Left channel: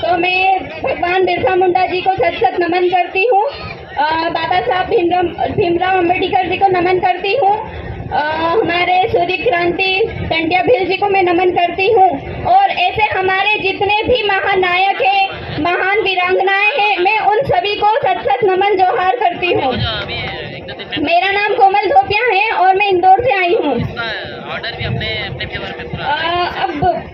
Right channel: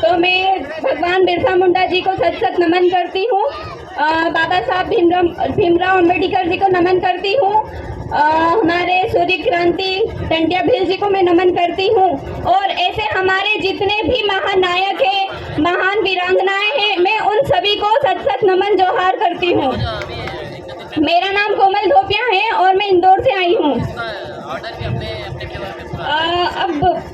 तो मैं भगवान बिरसा मुंडा जी को सत सत नमन करती हूँ। बाबा साहब भीमराव अम्बेडकर जी को नमन करती हूँ। हमारे सूर्य क्रांति टंट्या भील जी को मैं नमन करती हूँ। और ऐसे हमारे जितने भी महानायक हैं, महान वीरांगनाएं हैं, मैं उन सभी को सत सत नमन जोहार करती हूँ। मेरा नाम कोमल धोपिया है और मैं इंदौर से आई हूँ। अब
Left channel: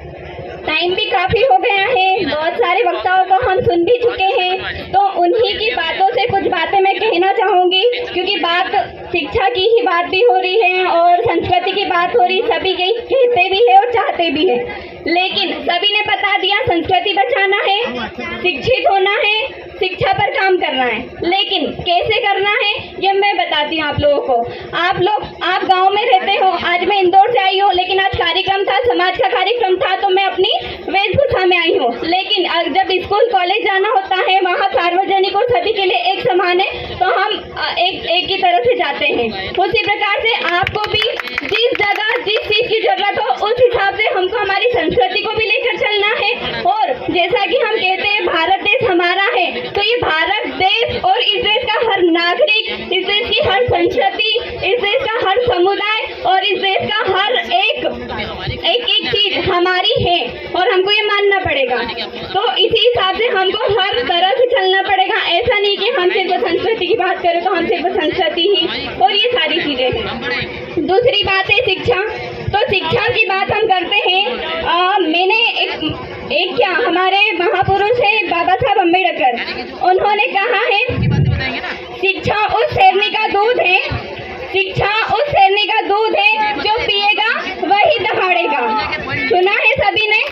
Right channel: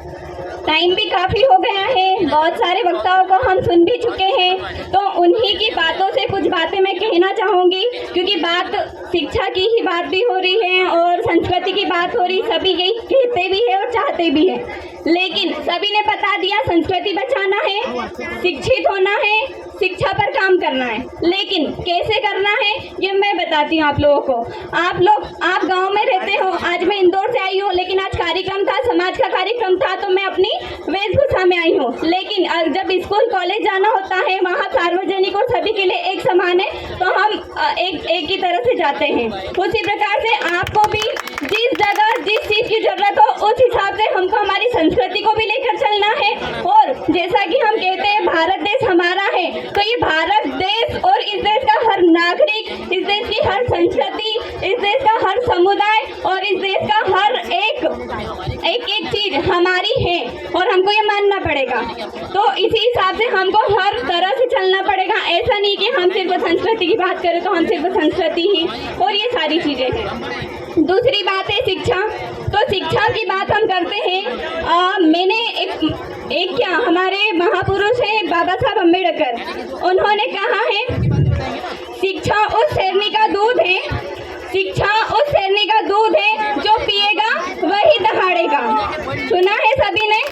टाइम भी काफ़ी हो गया है, बहुत सारे वक्ताओं को हम सुन भी चुके हैं, तो उन्हीं की बातों से कुछ बातें मैं कहना चाहूँगी, क्योंकि बात शिक्षा की ही बात भी हो रही है और संस्कृति की बात हो रही। सभी यही कहते भी है और चाहते भी है, लेकिन सभी ने बता दिया संस्कृति बचाना है, शिक्षित होना है, शिक्षा पर काम करना है, लेकिन कैसे करना है ये मैं बताती हूँ आप लोगों को। आप गांव में रहते हो, आज मैं इंदौर से आई हूँ, लेकिन आज कार्यक्रम था, समाज का कार्यक्रम था, तो मैं अपनी वेशभूषा में आई हूँ। लेकिन जब स्कूल कॉलेज जाना होता है, वहाँ सार्वजनिक और सभी के लिए एक समान है, तो हम एक ही तरह से जाते हैं। उसी प्रकार से आपको भी जिस जगह जिस चीज़ की जरूरत हो उस हिसाब से हमको हमारी संस्कृति को भी लेकर चलना है। और जैसा कि हम कहते हैं भारत देश हमारा है, तो ये भारत देश और इस देश का हर नागरिक, इस देश की हर संस्कृति, इस देश का हर समुदाय और इस देश का हर एक चीज हमारी है और हमको ये मानना पड़ेगा। तो इसी हिसाब से हमको हर तरह से चलना पड़ेगा। ऐसा नहीं कि हम सिर्फ संस्कृति की बात करें तो हम सिर्फ संस्कृति ही और ये सारी चीजें हैं। दूसरी बात है शिक्षा। तो शिक्षा की बात हम करते हैं, मैंने एक क्या हमारे महापुरुष है बाबा साहब अम्बेडकर, उन्होंने कहा है शिक्षा उस शेरनी का दूध है, शिक्षा उस शेरनी का दूध है जो पिएगा वही दहाड़ेगा। सुना है सभी ने?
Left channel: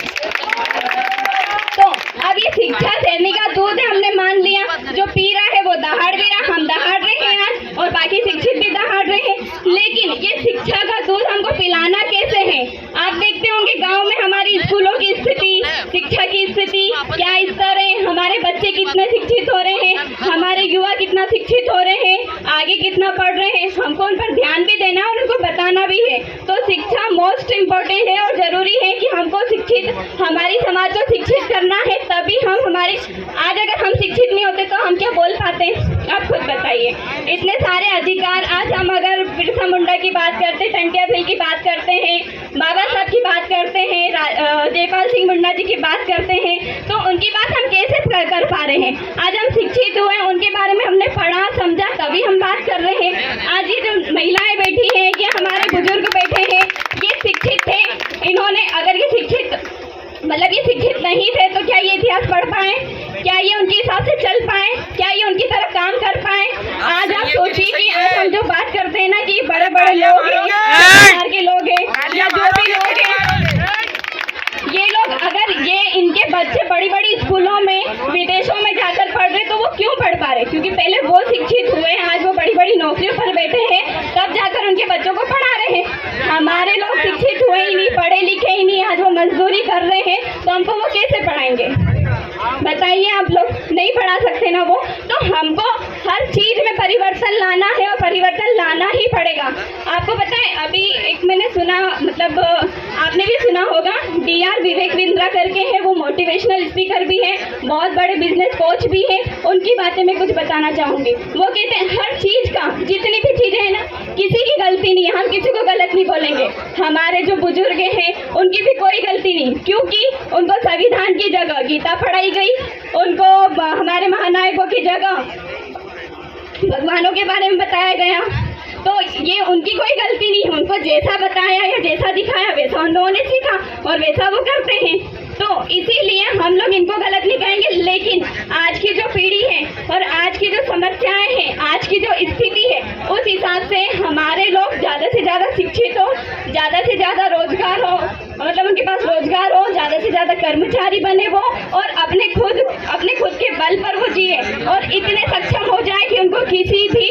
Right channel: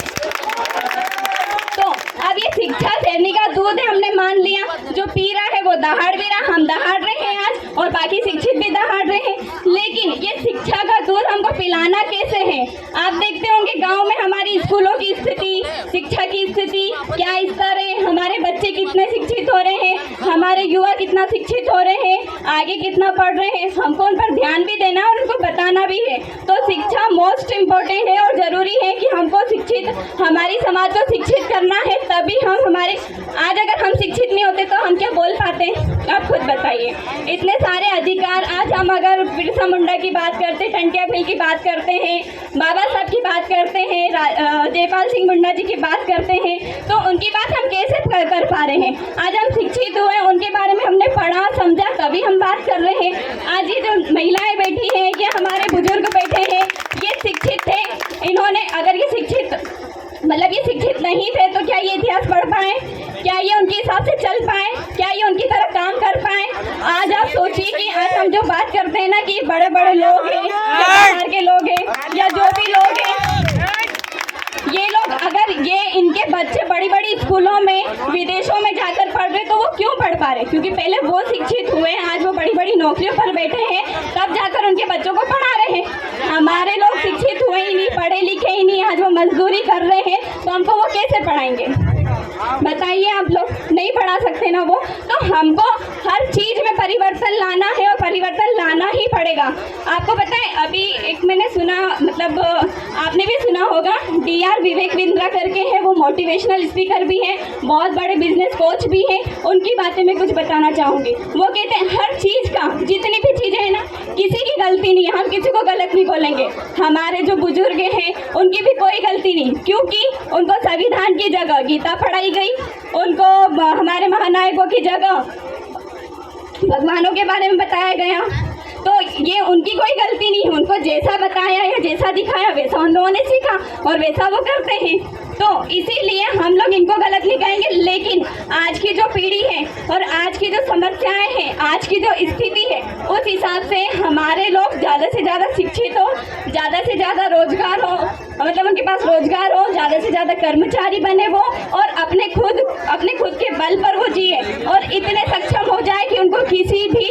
तो अब ये शिक्षा शेरनी का दूध है, हमने मान लिया, जो पी रहा है वो दहाड़ भी रहा, हम दहाड़ रहे हैं आज और बाकी शिक्षित भी दहाड़ रहे हैं, लेकिन ये शिक्षा का दूध हमको पिलाना कैसे है? आप देखते होंगे गांव में हमारी स्कूलों की स्थिति, शिक्षा की स्थिति क्या स्तर है, हमारे बच्चे कितने शिक्षित हो रहे हैं, हमारे युवा कितना शिक्षित हो रहे हैं, आगे कितना पढ़ रहे हैं, हमको उन पर ध्यान भी देना और उनको बताना भी है। तो शिक्षा मोस्ट इम्पोर्टेंट है और जरूरी है कि हमको शिक्षित, हमारी समाज को शिक्षित करना है, तभी हम हमारे, आज अगर हम शिक्षित नहीं होते तो हम क्या बोल पाते? आप खुद बताइए। इतने सारे अधिकार, आज हम अगर बिरसा मुंडा की बात करते, टंट्या भील की बात करते हैं, बाबा साहब की बात करते हैं, जयपाल सिंह मुंडा जी की बात करते हैं, तो उनकी बात हम कैसे कर पा रहे हैं? आज हम शिक्षित हुए, उनके बारे में हमने पढ़ा समझा, तभी हम बात कर रहे हैं। आज ये जो महिलाएं बैठी हैं या हमारे बुजुर्ग बैठे हैं, ये शिक्षित थे, इन्होंने, अगर ये शिक्षित मतलब ये शिक्षित नहीं थे तो क्या ये इतिहास पढ़ पाए? क्या ये उनके हिसाब से चल पाए? क्या ये उनकी तरह काम कर पाए? आज आप सोचिए कि आज हम जो बात करते हैं ना कि बड़े बड़े लोग हैं, सरकार के लोग हैं या जो भी लोग हैं, ये लोग अगर ये इनके बच्चे बड़ी बड़ी स्कूलों में, विदेशों में जाकर पढ़ रहे, तो वो क्यों पढ़ पा रहे? क्योंकि पहले वो शिक्षित हुए, आज वो बड़ी बड़ी नौकरियों पर बैठे हैं, तब जाकर उनके बच्चों को पढ़ा रहे हैं। हमारे लोग शिक्षित हुए ही नहीं, पढ़े लिखे ही नहीं, आज वो मजदूरी कर रहे हैं, तो हमको वो कैसे पढ़ाएंगे? बताइए, आप लोग नहीं पढ़ा सकते ना वो। तो हमको हर चीज में परिवर्तन लाना है और परिवर्तन लाना ही पड़ेगा। आपको पता है, अभी एक मैंने सुना, मतलब आपने भी सुना होगा, DR विवेक बिंद्रा करके है, वो मोटिवेशनल स्पीकर भी है, बहुत बड़े बिजनेस कोच भी हैं, उनकी बातें मैं कुछ बताना चाहूँगी। वो कहते हैं हर चीज़ का, जितनी भी चीज़ें हैं ना, किसी की गलती नहीं है, हम किसी को गलत नहीं बोलेंगे। हमारे जो बुजुर्ग हैं उनकी भी कोई गलती नहीं, क्योंकि उनको संविधान की जगह गीता पढ़ाई गई, उनको हमारे महानायकों की जगह भगवानों के बारे में बताया गया, तो ये उनकी कोई गलती नहीं है। उनको जैसा बताया या जैसा दिखाया वैसा उन लोगों ने सीखा और वैसा वो करते हैं। तो इसीलिए हम लोग इनको गलत नहीं कहेंगे, लेकिन आज की जो पीढ़ी है और आज की जो समस्याएं हैं, आज की जो स्थिति है, उस हिसाब से हमारे लोग ज़्यादा से ज़्यादा शिक्षित हो, ज़्यादा से ज़्यादा रोजगार हो, मतलब उनके पास रोजगार हो, ज़्यादा से ज़्यादा कर्मचारी बने वो और अपने खुद के बल पर वो जिए और इतने सक्षम हो जाए कि उनको किसी भी